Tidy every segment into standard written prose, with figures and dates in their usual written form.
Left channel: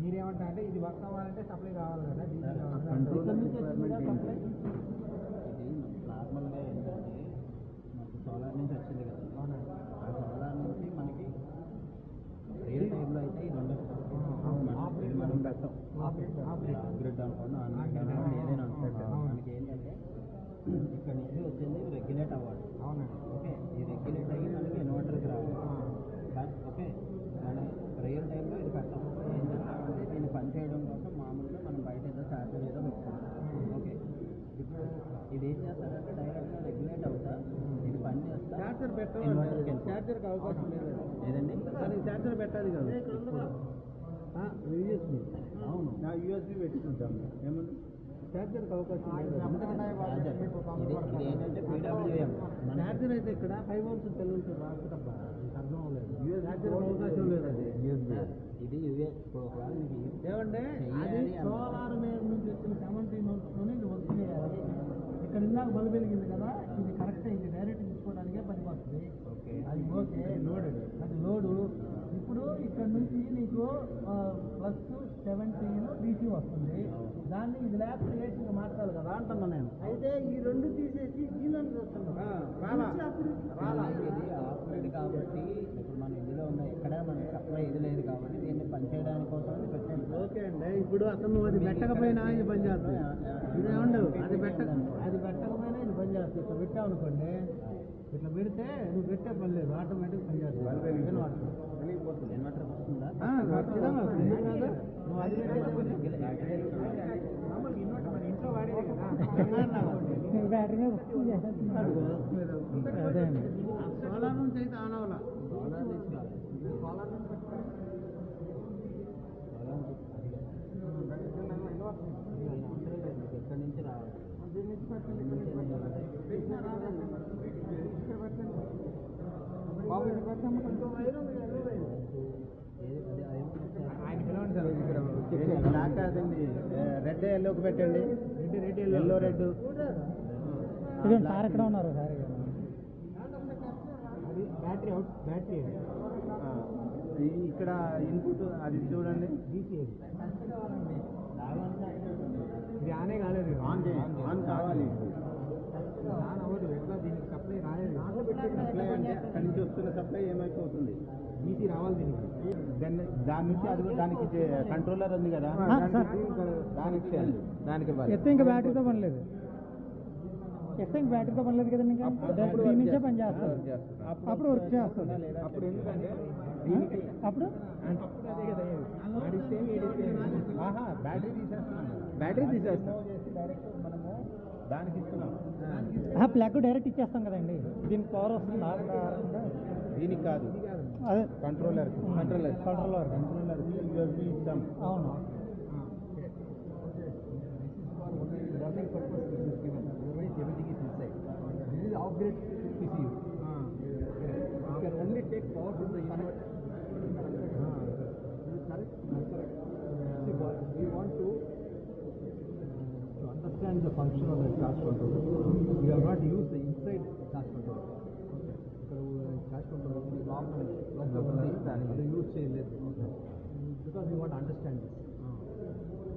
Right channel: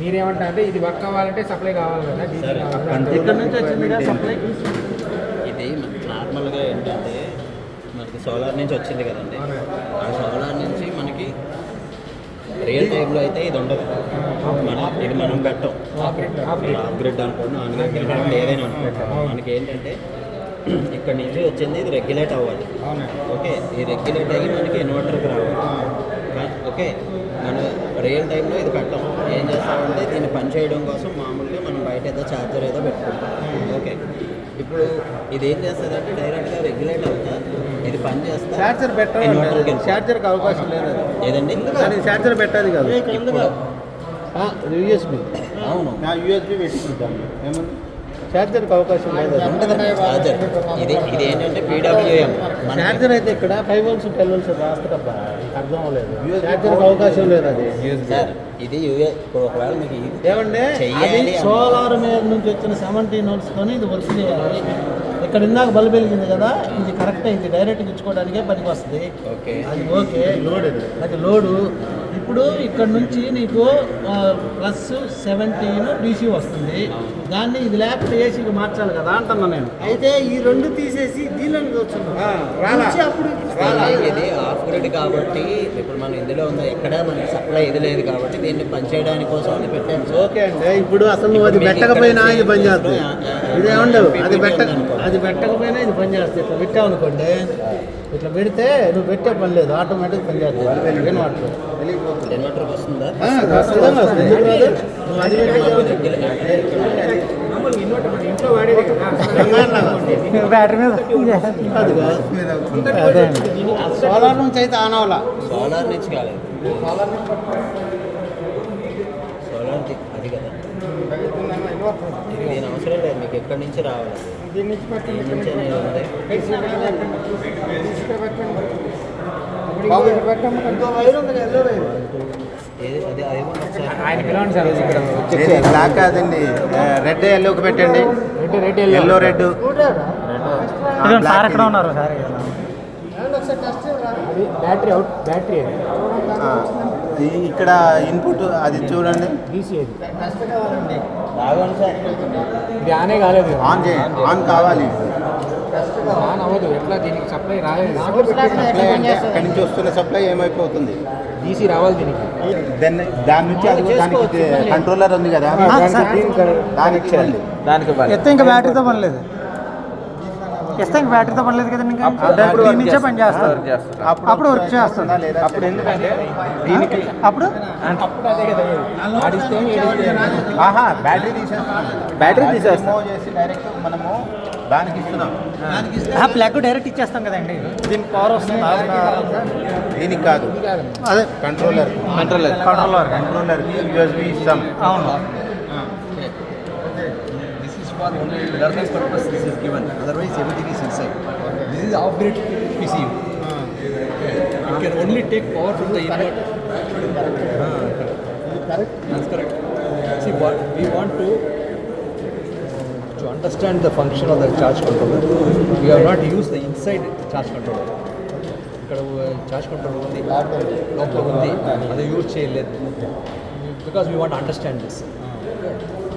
మీరేమంటారు అంటే ఇది వర్క్ అవ్వాలంటే సప్లై కావాలి కదా, ఇక్కడ నుంచి వచ్చింది సప్లై. ఇది నార్మల్గా ఏంటంటే మనకి సోలార్ నుంచి వచ్చింది కదండి, ఆ సోలార్ నుంచి మనకి రియల్ టైంలో అయితే ఇది ఉండదు. ఇది మనం పెట్టాం అప్గ్రేడ్ అనుకోండి, ఆన్గ్రేడ్ ఏదైనా అనుకుంటాం. మనకి ఏంటంటే ఇక్కడ నుంచి వచ్చింది ఇది రెగ్యులేట్ అవ్వాలి. ఓకే, ఈ రెగ్యులేట్ అయ్యి మనకి ఇన్వర్టర్కి రావాలి. ఓకే, మనం రియల్ టైంలో ఇది పెట్టాం. ఏం చేస్తామంటే దీన్ని పని చేయడం కోసం మామూలుగా మనం బయట ఏదో ఛార్జర్ ఏదో పెట్టుకుంటాం. ఓకే, ఇప్పుడు ఇది ఏం చేస్తుంది అంటే డైరెక్ట్గా రెగ్యులేట్ అవుతుంది, ఇది పని చేస్తా. ఛార్జర్ పెట్టాలి, ఛార్జర్కి అవకాశం లేదు ఏదండి, ఛార్జర్ పెట్టాలి కాదు, యూఎస్బి. అవును, యూఎస్బి పెట్టుకుంటాం. ఏమన్నా ఛార్జర్కి అవకాశం లేదు. ఛార్జర్ ఇది ఏంటంటే పీడబ్ల్యూఎం ఛార్జర్ అయితే ఇక్కడ 5 volts 10 volts రాస్తారబ్బా, అర్థం అవ్వలేదు. ఛార్జర్కి అవకాశం లేదు అది. సార్ ఇది ఇప్పుడు ఒకవేళ మీకు ఏమంటే అది సోలార్ మీద నుంచి వచ్చిన 17 volts తోని ఇది వర్క్ చేయాలి. ఇక్కడ ఇందాక బల్బ్ వెలిగింది కదా, ఇది కరెక్ట్ అయింది, డైరెక్ట్గా ఇచ్చుకోవడానికే పనికి వస్తుంది. ఓకే, అది ఓకే లోడ్, అది లోడు. ఇప్పుడు ఇక్కడ నుంచి నీకు +17 DC వస్తుంది. దాన్ని ఇది లేకపోతే ఏసీకి మార్చాలి కదా అంటున్నా నేను. అయితే ఈ రెండు తీసేసి దీనిలోకి అప్పుడు ఇది ఆఫ్ గ్రిడ్ కాబట్టి ఇప్పుడు మనం ఇందులో ఉందా, ఎక్కడ మనకి సప్లై ఇది లేదు కాబట్టి దీన్ని పనిచేయడానికి కోసం అది పెట్టాను. ఓకే అండి, ఇప్పుడు అసలు నువ్వు అది పెట్టకపోయినా ఇది పని చేస్తుంది. ఇదేమండవు, అది పెట్టకపోయినా ఇది పని చేస్తుంది. ఇట్లా పెట్టావు అనుకోండి, ఇట్లా పెడితే నువ్వు పెట్టే పని లేదు, ఆటోమేటిక్ పని చేస్తుంది. ఇన్వర్టర్ వస్తుందా? నువ్వు అది బ్యాటరీ మీద సోలార్ నుంచి అయితే ఆన్ అవ్వాలా. సోలార్ నుంచి కాలేదు, సోలార్ అది కదా, దీని అవసరం లేదు మీకు, ఎక్కడి నుంచి రావాలి, దీని నుంచి ఆయన పిలవండి సార్. ఇక్కడ బ్లాక్ కాదండి, రెడ్ ఎల్లోకి పెట్టండి. రెడ్ ఎల్లో రెడ్ సార్ ఎక్కడ ఉన్నారు సార్? అది బ్యాటరీ అవుట్, బ్యాటరీ అది ఇక్కడ ఇన్పుట్ అది చూడండి, DC అది. సార్ ఇది ఆనే కాలేదు, ఆన్ చేయండి, ఆన్ కావాలి. ఆన్ అవ్వదు. ఎట్లా దీనికి సప్లై రాలేదు, సప్లై అంటే అక్కడి నుంచి వస్తున్న సప్లై ఏమైపోతుంది, DC రావాలి దీనికి. దాని నుంచి అది దానికి కంట్రోలర్ ఉంది కదా, దానికి ఇచ్చేయండి. దానికి ఎత్తే ఇంకా బ్యాటరీతో పని లేదు, ఇస్తే ఇంకా బ్యాటరీతో పని లేదు కదండి. ఇంకా దీని నుంచే పని చేస్తారు, అప్పుడు వర్క్ చేస్తుంది. అప్పుడు ఎందుకంటే దీనికి అప్పుడు అదే కదా ఆడిస్తే బ్యాటరీ తీసేస్తున్నాం, చేసి డైరెక్ట్ మనము దానికి ఇస్తున్నాం. ప్లగ్ డైరెక్ట్ ఇచ్చేస్తాం కదండి, దీనికి పవర్ వస్తుంది. దీనికి కాదు, అదే కంట్రోలర్ యూఎస్బి ఇస్తాం. అవును, for only learning purpose this is given, otherwise everything is inside. This is off-grid PCU. It can only take power from the inverter. Correct. That's correct. See, what we want to understand the function of the charge controller. We have not used the inside charge controller. ఇక్కడ charge control ఉంది, లోపల ఉంది, అది use చేయలేదు. Because we want understand this.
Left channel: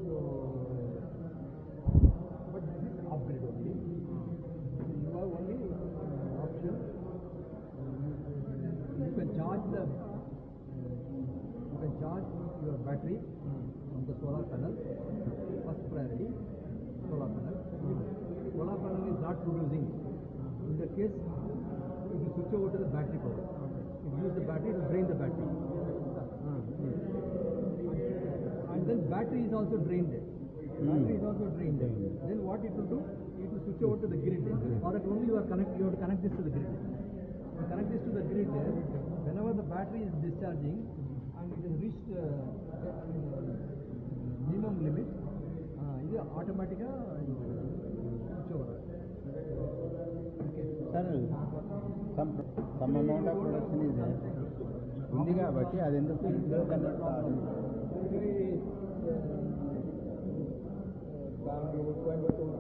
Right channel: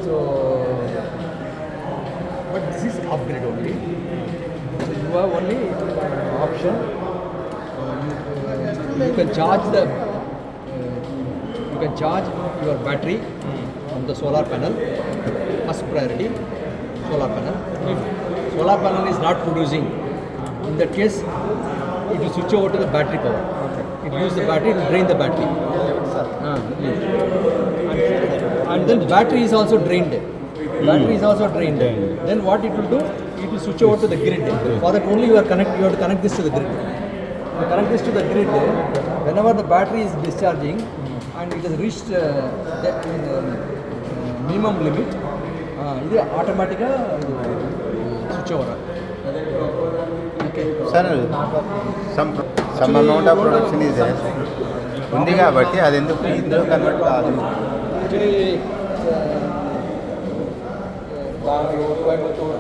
So but this is upgrade only. So you have only option. You can charge your battery on the solar panel. First priority, solar panel. If solar panel is not producing, in that case, it will switch over to the battery power. It uses the battery to drain the battery. And then battery is also drained. Then what it will do? It will switch over to the grid. For that only you have to connect this to the grid. You connect this to the grid. Whenever the battery is discharging and it has reached the minimum limit, it automatically switch over. Okay. Sir, some amount of production is there. ఉంది కాబట్టి అది ఎందుకు ఇందులో convert కాదు. Actually, Bangalore, Coimbatore,